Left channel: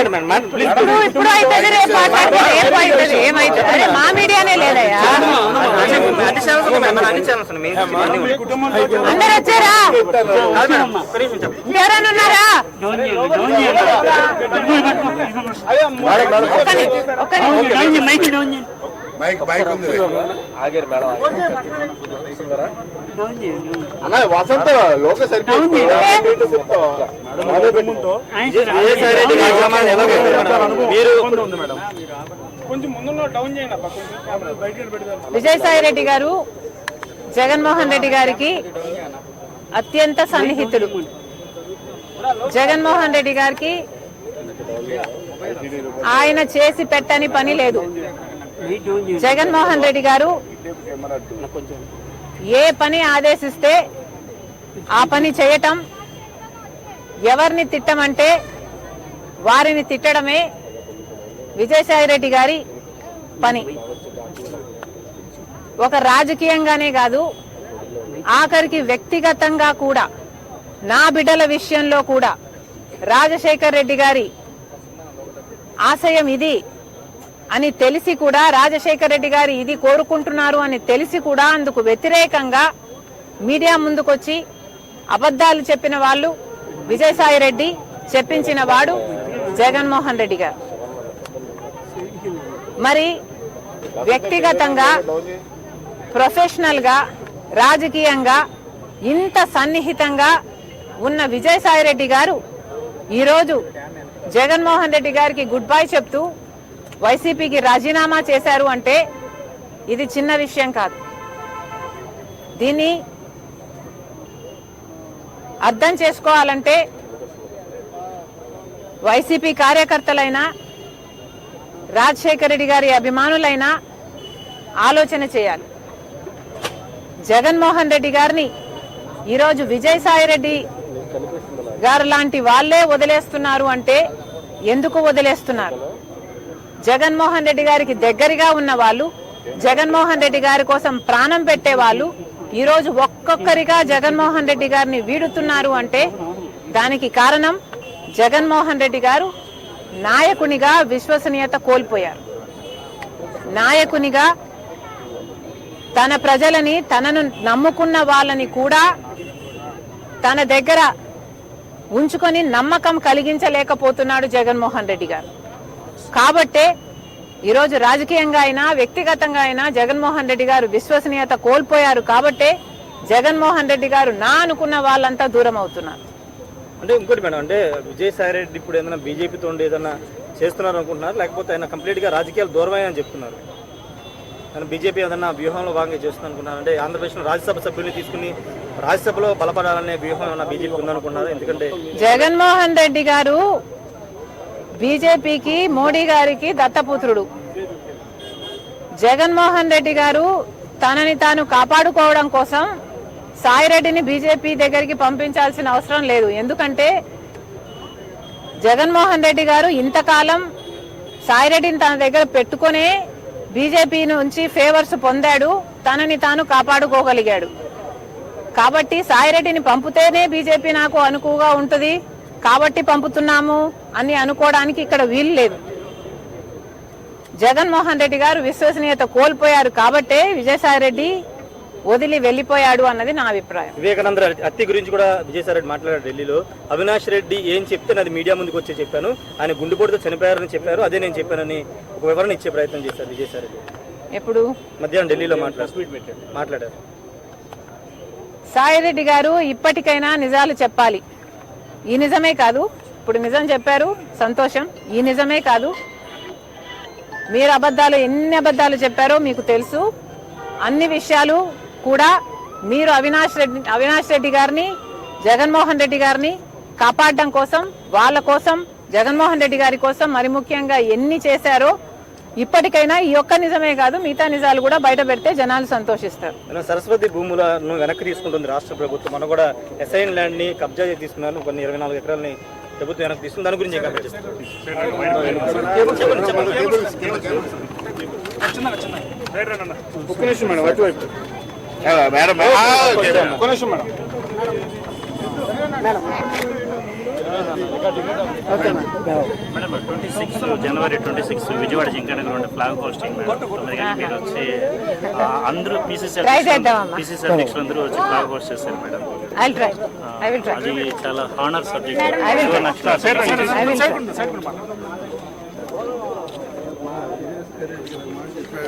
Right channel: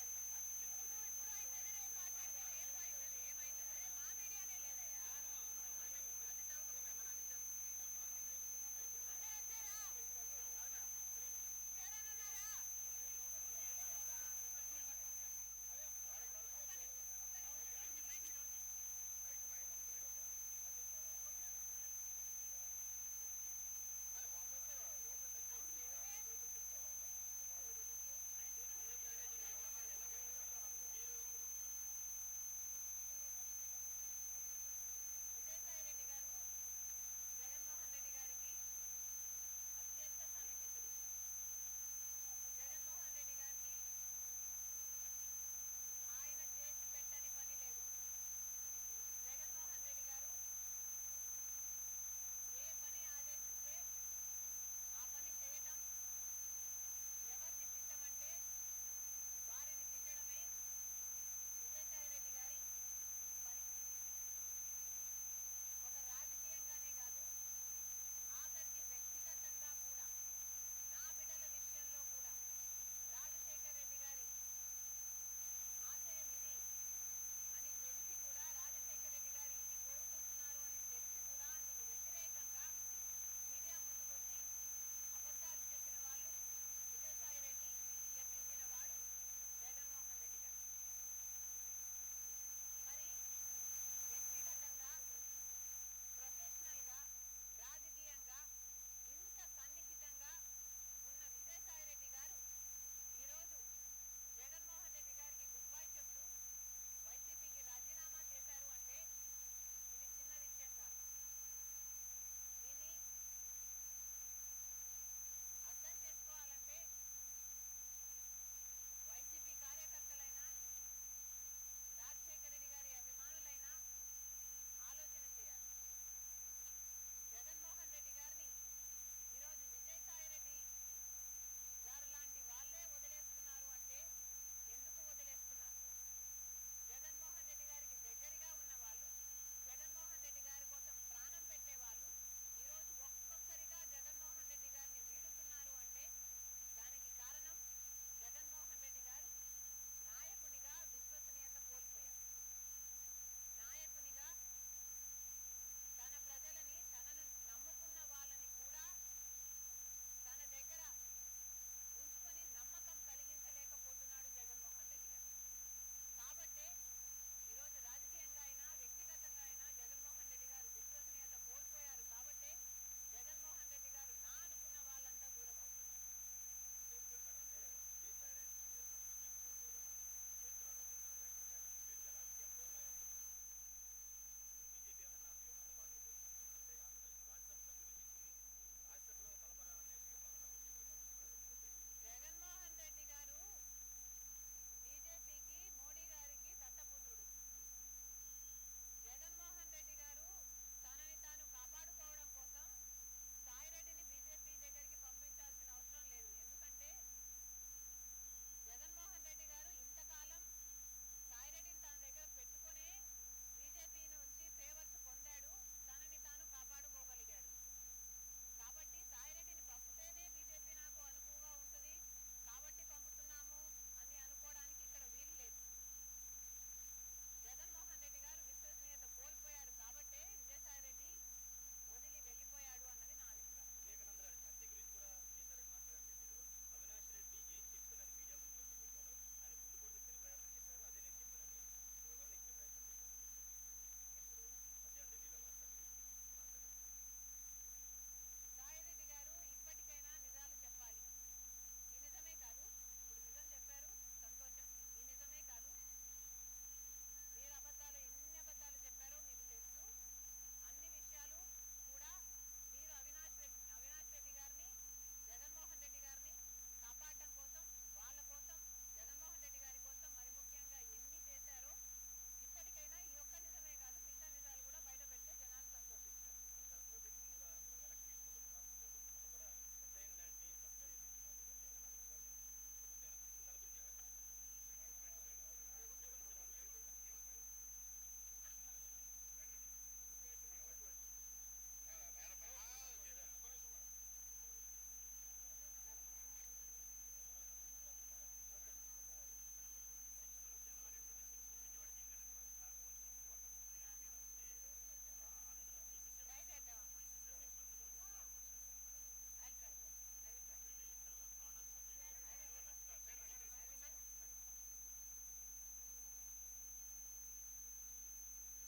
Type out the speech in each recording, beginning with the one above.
ఇప్పుడు అవుతుంది, రేపు మాట్లాడితే రేపు అవుతుంది, ఏమవుతుంది? అరే మా మీడియానే లేదయ్యా. అందరు వచ్చారా? ఎవరైనా ఉన్నారా? వసంత లోక విజయసాయి రెడ్డి గారు జగన్మోహన్ రెడ్డి గారికి అత్యంత సన్నిహితుడు. జగన్మోహన్ రెడ్డి గారికి ఆయన చేసి పెట్టని పని లేదు. జగన్మోహన్ రెడ్డి గారు ఏ పని ఆదేశిస్తే ఆ పని చేయటం, ఎవరిని తిట్టమంటే వారిని తిట్టడమే విజయసాయి రెడ్డి గారి పని. ఒక రాజకీయంగానే కాదు, ఆఖరికి వ్యక్తిగతంగా కూడా, నా బిడ్డల విషయంలో కూడా రాజశేఖర్ రెడ్డి గారి ఆశయం ఇది అని తెలిసి కూడా, రాజశేఖర్ రెడ్డి గారు ఇది కోరుకుంటున్నారు అని తెలిసి కూడా అందుకు వ్యతిరేకంగా మీడియా ముందుకొచ్చి అబద్ధాలు చెప్పిన వాళ్ళు విజయసాయి రెడ్డి, చెప్పించిన వాడు జగన్మోహన్ రెడ్డి గారు. మరి వ్యక్తిగతంగా, ప్రొఫెషనల్ గా, రాజకీయంగా ఇంత సన్నిహితంగా ఉన్న విజయసాయి రెడ్డి గారు ఈరోజు జగన్మోహన్ రెడ్డి గారికి గుడ్ బై చెప్తూ వైసీపీకి రాజీనామా చేశారు అంటే ఇది చిన్న విషయం కాదు. దీన్ని అర్థం చేసుకోవాలంటే వైసీపీ కార్యకర్తలైనా, రాజశేఖర రెడ్డి గారి అభిమానులైనా ఆలోచన చేయాలి. జగన్మోహన్ రెడ్డి గారిని ఈరోజు విజయసాయి రెడ్డి గారు లాంటి వాళ్లే వదిలేస్తున్నారు అంటే ఎందుకు వదిలేస్తున్నారు? జగన్మోహన్ రెడ్డి గారికి దగ్గరగా ఉన్న వాళ్ళు, జగన్మోహన్ రెడ్డి గారి కోసం ప్రాణం పెట్టే వాళ్ళు ఈరోజు ఒక్కొక్కరిగా జగన్మోహన్ రెడ్డి గారిని వీడుతున్నారు అంటే దానికి కారణం జగన్మోహన్ రెడ్డి గారు నాయకునిగా విశ్వసనీయత కోల్పోయారు. నాయకునిగా తన ప్రజలని, తనను నమ్ముకున్న వాళ్ళని కూడా తన దగ్గర ఉంచుకొని నమ్మకం కలిగించలేకపోతున్నాడు జగన్మోహన్ రెడ్డి గారు. కాబట్టే ఈరోజు రాజకీయంగా అయినా, వ్యక్తిగతంగా అయినా జగన్మోహన్ రెడ్డి గారు విశ్వసనీయత కోల్పోయారు. కాబట్టే జగన్మోహన్ రెడ్డి గారు నా అనుకున్న వాళ్ళంతా దూరం అవుతున్నారు. అంటే ఇంకోటి మేడం, అంటే విజయసాయి రెడ్డి ఇప్పుడు ఏదైనా బీజేపీతో ఉండి ఏదైనా చేస్తున్నారు అనుకుంటున్నారు, లేకపోతే ఆయన కంప్లీట్ గా రాజకీయాలు దూరమని చెప్తున్నారు? ఆయన బీజేపీ ఏదన్నా వ్యూహంలో భాగంగా చేస్తుంది అనుకున్నారు? అంటే ఆంధ్రప్రదేశ్లో రాజ్యసభ సభ్యుల్ని తీసుకుని రాజ్యసభలో బలపడాలనే వ్యూహం ఏమన్నా బీజేపీ ఉందనుకున్నారు? ఎందుకంటే జగన్మోహన్ రెడ్డి గారు బీజేపీకి, మోడీ గారికి దత్తపుత్రుడు. జగన్మోహన్ రెడ్డి గారు తనని తాను కాపాడుకోవడం కోసం సాయిరెడ్డిని బీజేపీ దగ్గరికి పంపించాల్సిన అవసరం లేదు. ఎందుకంటే జగన్మోహన్ రెడ్డి గారు ఇంతకాలం సాయిరెడ్డిని తన దగ్గర పెట్టుకునే బీజేపీ నుంచి ఫేవర్స్ పొందాడు, తనని తాను కాపాడుకోగలిగాడు. కాబట్టి సాయిరెడ్డిని పంపితేనే బీజేపీ నాకు అనుకువగా ఉంటుంది కాబట్టి పంపుతున్నాము అని అనుకోవడానికి ఇక్కడ వీలు లేదు. జగన్మోహన్ రెడ్డి గారు విశ్వసనీయత కోల్పోయారు కాబట్టే విజయసాయి రెడ్డి వదిలి వెళ్లిపోయాడు అన్నది నా అభిప్రాయం. వివేకానంద హత్య గురించి కూడా విజయసాయి రెడ్డి మాట్లాడారు ఢిల్లీలో. అవినాష్ రెడ్డి ఏం చెప్తే అది మీడియా ముందుకు వచ్చి చెప్పాను, ఆయన గుండెపోటుతో చనిపోయారని చెప్పారు, అదే నేను చెప్పానని ఒక వివరణ ఇచ్చే ప్రయత్నం చేశారు విజయసాయి రెడ్డి. ఎప్పుడు? మధ్యాహ్నం ఢిల్లీలో మాట్లాడారు. సాయిరెడ్డి గారు ఇప్పటికైనా నిజాలు చెప్పాలి. ఈ నిజమే కాదు, ఇప్పుడు నిజం చెప్పారు, సంతోషం. ఈ నిజమే కాదు, మీరు అబద్ధాలు ఎన్ని అబద్ధాలు చెప్పారో మీకు తెలుసు. అన్ని విషయాలు కూడా మీరు అవినాష్ రెడ్డి గారిని, జగన్మోహన్ రెడ్డి గారిని కాపాడడం కోసం, వాళ్ళ కోసం, జగన్మోహన్ రెడ్డి గారి కోసం మరి ముఖ్యంగా ఎన్ని చేశారో ఇప్పటికైనా ఈ ఒక్క నిజమే కాదు మిగతా నిజాలు కూడా బయట పెడితే జనాలు సంతోషిస్తారు. సరస్వతి భూములను వెనక్కి తీసుకుంటుంది రాష్ట్ర ప్రభుత్వం. మనం కూడా ఎస్ఐన్ ల్యాండ్ ని కబ్జా తీసుకున్నారు, కొన్ని 24 ఎకరాలని ప్రభుత్వం వెనక్కి తీసుకుంది. దాని గురించి మేడం 26 జనవరి 26 విజయవాడ జింకన గ్రౌండ్ ఫ్లాగ్ హోస్టింగ్ మేడం 9 గంటలకు మీరు వచ్చి అందరూ పీసీసీ అధ్యక్షులు అందరూ వచ్చి ఫ్లాగ్ హోస్ట్ చేశారు మేడం. అది చాలా హానర్ సబ్జెక్ట్.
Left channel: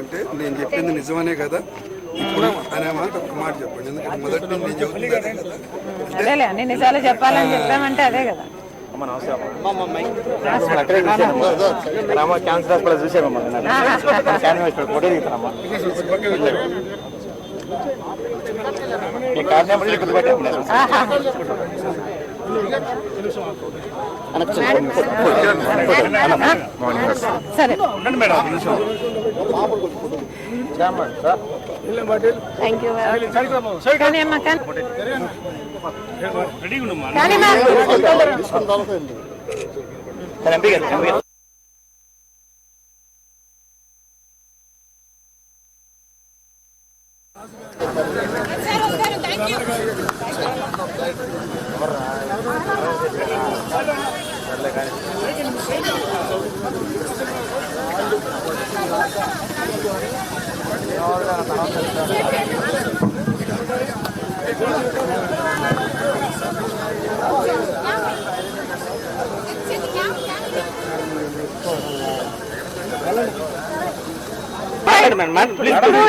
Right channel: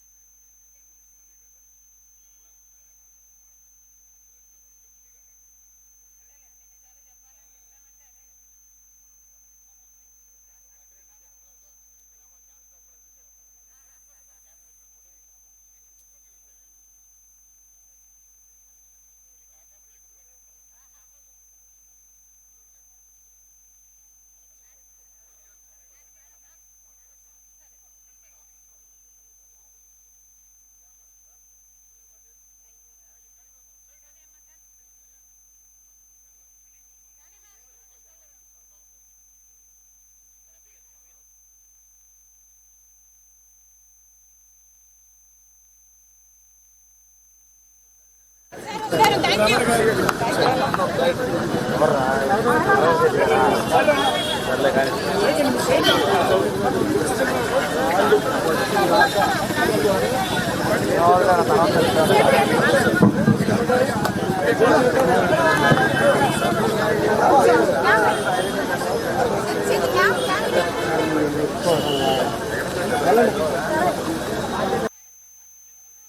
అంటే నేను చెప్పింది నిజమనే కదా ఇప్పుడు అనే మాట ఒక మాట చెప్పండి. ఎందుకంటే మొదటి నుంచి నేను చెబుతున్నానే కదా. అదేలే అన్ని నిజాలు చెప్పాలని చెప్పామంటే అదే కదా. క్యాన్సర్ కూడా చూసామమ్మా ఫోటో దిగుతానమ్మా సరే థ్యాంక్ యూ. కానీ అమ్మా కానీ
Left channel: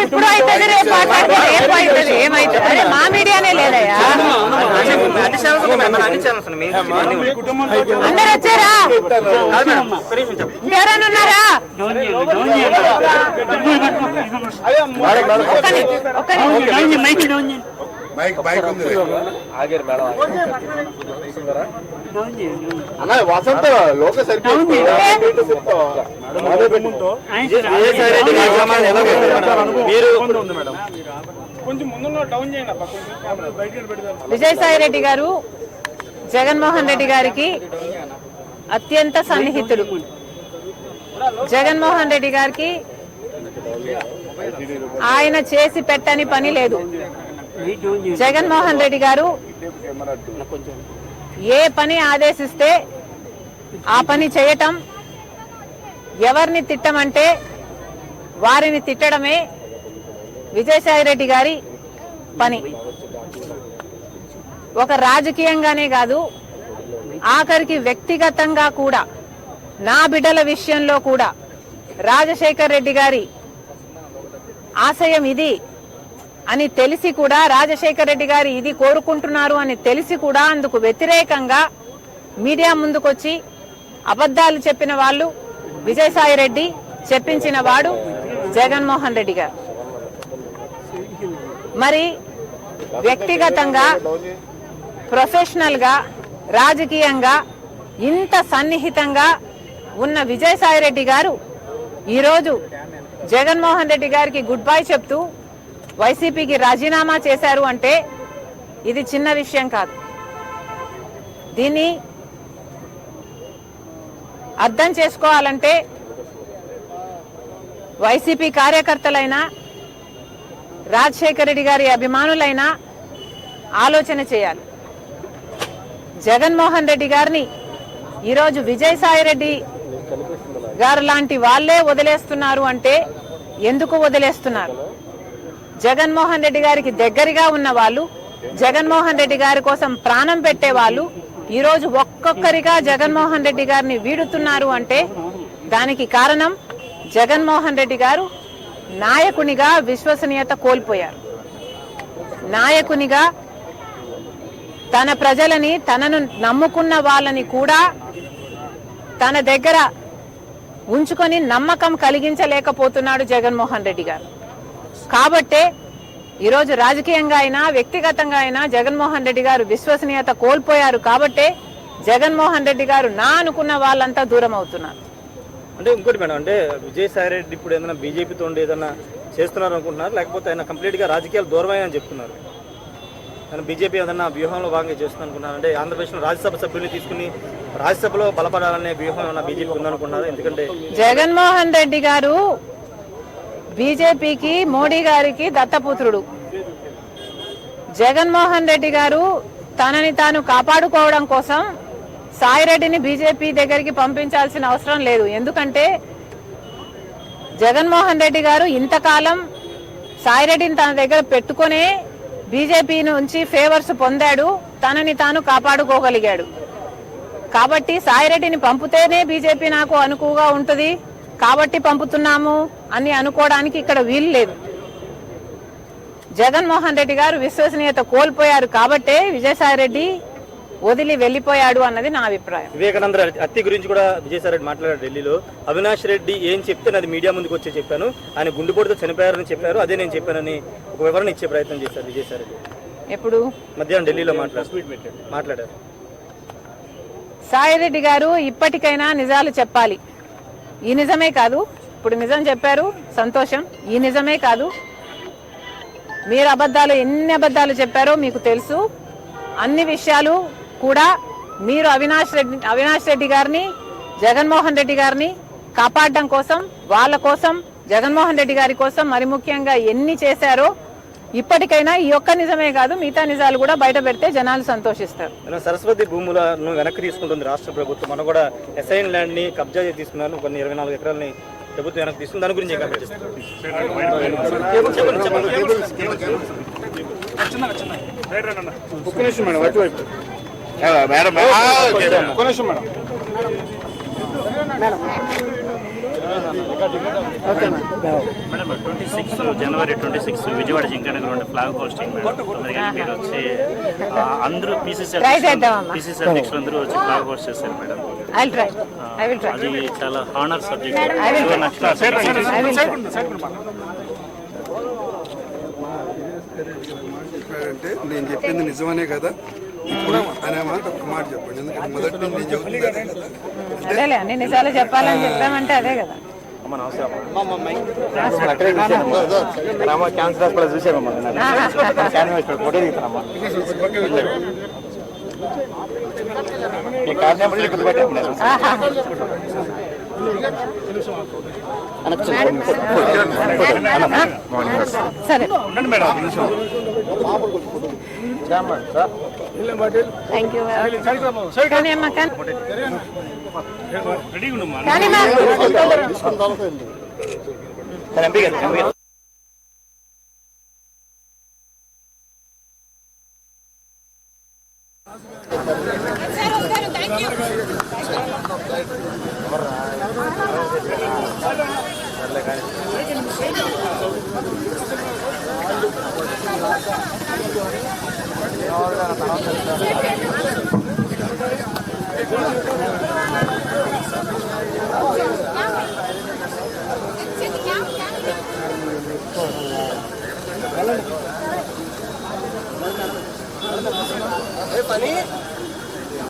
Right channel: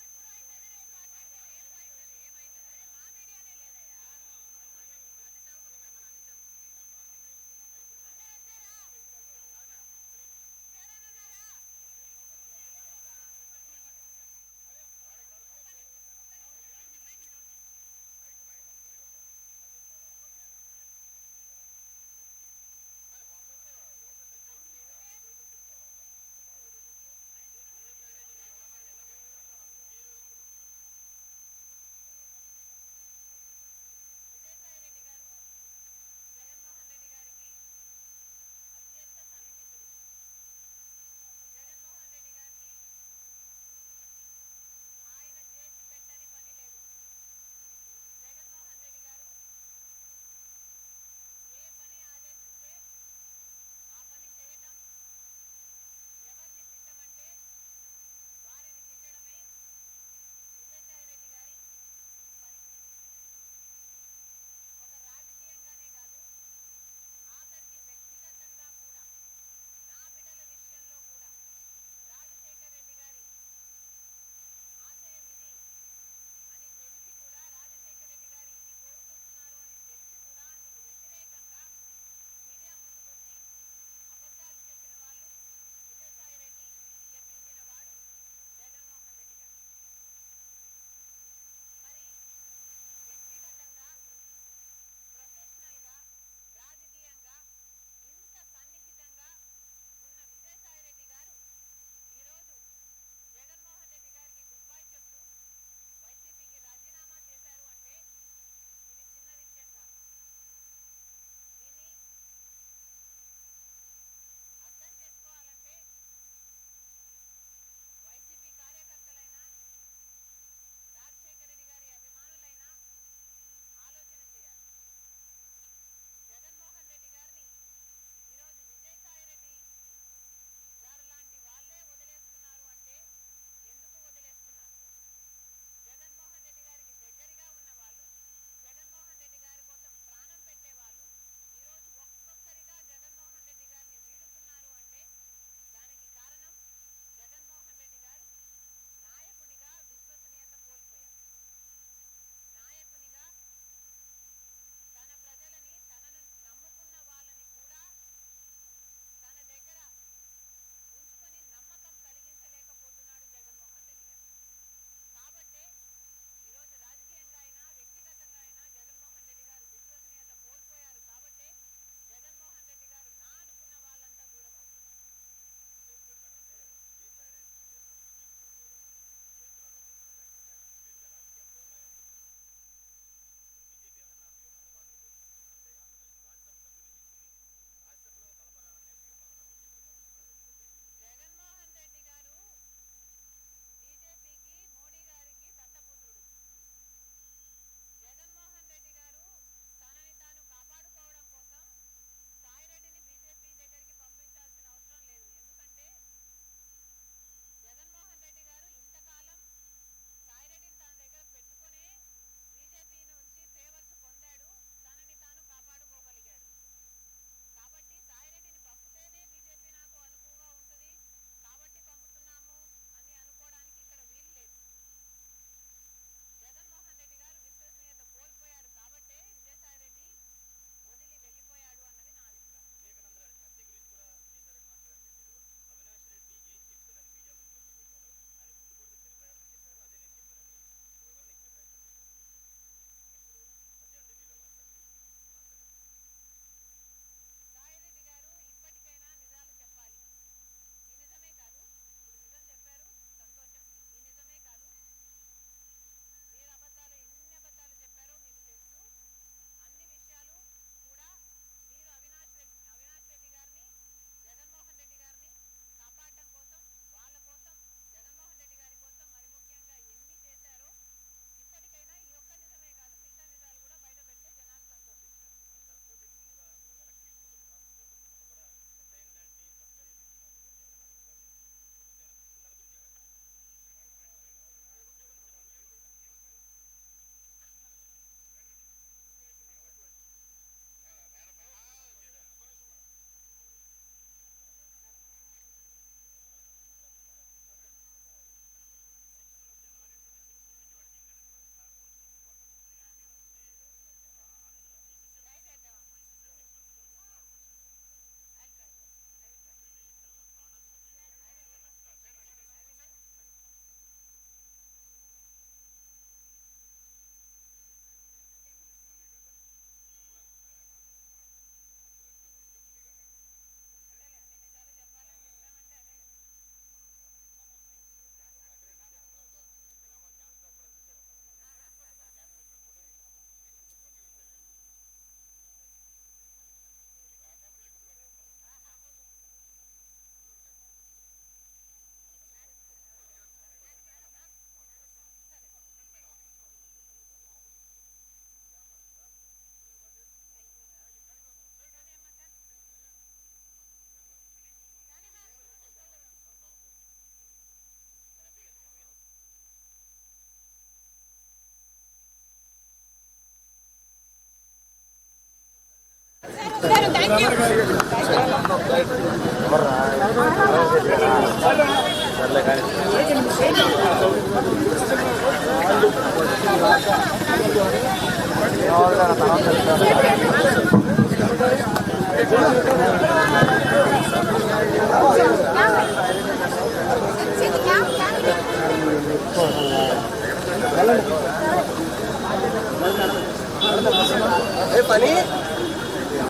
ఇప్పుడు అవుతుంది రేపు మాట్లాడితే రేపు అవుతుంది ఏమవుతుంది? అరే మా మీడియానే లేదయ్యా. అందరు వచ్చారా? ఎవరైనా ఉన్నారా? వసంత లోక విజయసాయి రెడ్డి గారు జగన్మోహన్ రెడ్డి గారికి అత్యంత సన్నిహితుడు. జగన్మోహన్ రెడ్డి గారికి ఆయన చేసి పెట్టని పని లేదు. జగన్మోహన్ రెడ్డి గారు ఏ పని ఆదేశిస్తే ఆ పని చేయటం, ఎవరిని తిట్టమంటే వారిని తిట్టడమే విజయసాయి రెడ్డి గారి పని. ఒక రాజకీయంగానే కాదు, ఆఖరికి వ్యక్తిగతంగా కూడా, నా బిడ్డల విషయంలో కూడా రాజశేఖర్ రెడ్డి గారి ఆశయం ఇది అని తెలిసి కూడా, రాజశేఖర్ రెడ్డి గారు ఇది కోరుకుంటున్నారు అని తెలిసి కూడా అందుకు వ్యతిరేకంగా మీడియా ముందుకొచ్చి అబద్ధాలు చెప్పిన వాళ్ళు విజయసాయి రెడ్డి, చెప్పించిన వాడు జగన్మోహన్ రెడ్డి గారు. మరి వ్యక్తిగతంగా, ప్రొఫెషనల్ గా, రాజకీయంగా ఇంత సన్నిహితంగా ఉన్న విజయసాయి రెడ్డి గారు ఈరోజు జగన్మోహన్ రెడ్డి గారికి గుడ్ బై చెప్తూ వైసీపీకి రాజీనామా చేశారు అంటే ఇది చిన్న విషయం కాదు. దీన్ని అర్థం చేసుకోవాలంటే వైసీపీ కార్యకర్తలైనా, రాజశేఖర రెడ్డి గారి అభిమానులైనా ఆలోచన చేయాలి. జగన్మోహన్ రెడ్డి గారిని ఈరోజు విజయసాయి రెడ్డి గారు లాంటి వాళ్ళే వదిలేస్తున్నారు అంటే ఎందుకు వదిలేస్తున్నారు? జగన్మోహన్ రెడ్డి గారికి దగ్గరగా ఉన్న వాళ్ళు, జగన్మోహన్ రెడ్డి గారి కోసం ప్రాణం పెట్టే వాళ్ళు ఈరోజు ఒక్కొక్కరిగా జగన్మోహన్ రెడ్డి గారిని వీడుతున్నారు అంటే దానికి కారణం జగన్మోహన్ రెడ్డి గారు నాయకునిగా విశ్వసనీయత కోల్పోయారు. నాయకునిగా తన ప్రజలని, తనను నమ్ముకున్న వాళ్ళని కూడా తన దగ్గర ఉంచుకొని నమ్మకం కలిగించలేకపోతున్నాడు జగన్మోహన్ రెడ్డి గారు. కాబట్టే ఈరోజు రాజకీయంగా అయినా, వ్యక్తిగతంగా అయినా జగన్మోహన్ రెడ్డి గారు విశ్వసనీయత కోల్పోయారు. కాబట్టే జగన్మోహన్ రెడ్డి గారు నా అనుకున్న వాళ్ళంతా దూరం అవుతున్నారు. అంటే ఇంకోటి మేడం, అంటే విజయసాయి రెడ్డి ఇప్పుడు ఏదైనా బీజేపీతో ఉండి ఏదైనా చేస్తున్నారు అనుకుంటున్నారు, లేకపోతే ఆయన కంప్లీట్గా రాజకీయాలు దూరమని చెప్తున్నారు? ఆయన బీజేపీ ఏదన్నా వ్యూహంలో భాగంగా చేస్తుంది అనుకున్నారు? అంటే ఆంధ్రప్రదేశ్లో రాజ్యసభ సభ్యుల్ని తీసుకుని రాజ్యసభలో బలపడాలనే వ్యూహం ఏమన్నా బీజేపీ ఉందనుకున్నారు? ఎందుకంటే జగన్మోహన్ రెడ్డి గారు బీజేపీకి, మోడీ గారికి దత్తపుత్రుడు. జగన్మోహన్ రెడ్డి గారు తనని తాను కాపాడుకోవడం కోసం సాయిరెడ్డిని బీజేపీ దగ్గరికి పంపించాల్సిన అవసరం లేదు. ఎందుకంటే జగన్మోహన్ రెడ్డి గారు ఇంతకాలం సాయిరెడ్డిని తన దగ్గర పెట్టుకునే బీజేపీ నుంచి ఫేవర్స్ పొందాడు, తనని తాను కాపాడుకోగలిగాడు. కాబట్టి సాయిరెడ్డిని పంపితేనే బీజేపీ నాకు అనుకువగా ఉంటుంది కాబట్టి పంపుతున్నాము అని అనుకోవడానికి ఇక్కడ వీలు లేదు. జగన్మోహన్ రెడ్డి గారు విశ్వసనీయత కోల్పోయారు కాబట్టే విజయసాయిరెడ్డి వదిలి వెళ్లిపోయాడు అన్నది నా అభిప్రాయం. వివేకానంద హత్య గురించి కూడా విజయసాయిరెడ్డి మాట్లాడారు ఢిల్లీలో. అవినాష్ రెడ్డి ఏం చెప్తే అది మీడియా ముందుకు వచ్చి చెప్పాను, ఆయన గుండెపోటుతో చనిపోయారని చెప్పారు, అదే నేను చెప్పానని ఒక వివరణ ఇచ్చే ప్రయత్నం చేశారు విజయసాయిరెడ్డి. ఎప్పుడు? మధ్యాహ్నం ఢిల్లీలో మాట్లాడారు. సాయిరెడ్డి గారు ఇప్పటికైనా నిజాలు చెప్పాలి. ఈ నిజమే కాదు, ఇప్పుడు నిజం చెప్పారు సంతోషం, ఈ నిజమే కాదు, మీరు ఎన్ని అబద్ధాలు చెప్పారో మీకు తెలుసు. అన్ని విషయాలు కూడా మీరు అవినాష్ రెడ్డి గారిని, జగన్మోహన్ రెడ్డి గారిని కాపాడడం కోసం, వాళ్ళ కోసం, జగన్మోహన్ రెడ్డి గారి కోసం మరి ముఖ్యంగా ఎన్ని చేశారో ఇప్పటికైనా ఈ ఒక్క నిజమే కాదు మిగతా నిజాలు కూడా బయట పెడితే జనాలు సంతోషిస్తారు. సరస్వతి భూములను వెనక్కి తీసుకుంటుంది రాష్ట్ర ప్రభుత్వం. మనం కూడా అసైన్ ల్యాండ్ ని కబ్జా తీసుకున్నారు, కొన్ని 24 ఎకరాలని ప్రభుత్వం వెనక్కి తీసుకుంది. దాని గురించి మేడం 26 జనవరి 26 విజయవాడ జింకనగర్ ఉండే ఫ్లాగ్ హోస్టింగ్ మేడం. 9 గంటలకు మీరు వచ్చి అందరూ పీసీసీ అధ్యక్షులు అందరూ వచ్చి ఫ్లాగ్ హోస్ట్ చేశారు మేడం. అది చాలా హానర్ సబ్జెక్ట్. అంటే నేను చెప్పింది నిజమనే కదా, ఇప్పుడు అనే మాట ఒక మాట చెప్పండి. ఎందుకంటే మొదటి నుంచి నేను చెబుతుంది అదే కదా. అదేలే, అన్ని నిజాలు చెప్పాలని చెప్పామంటే అదే కదా. సరే, థ్యాంక్ యూ. కానీ అమ్మా కానీ పని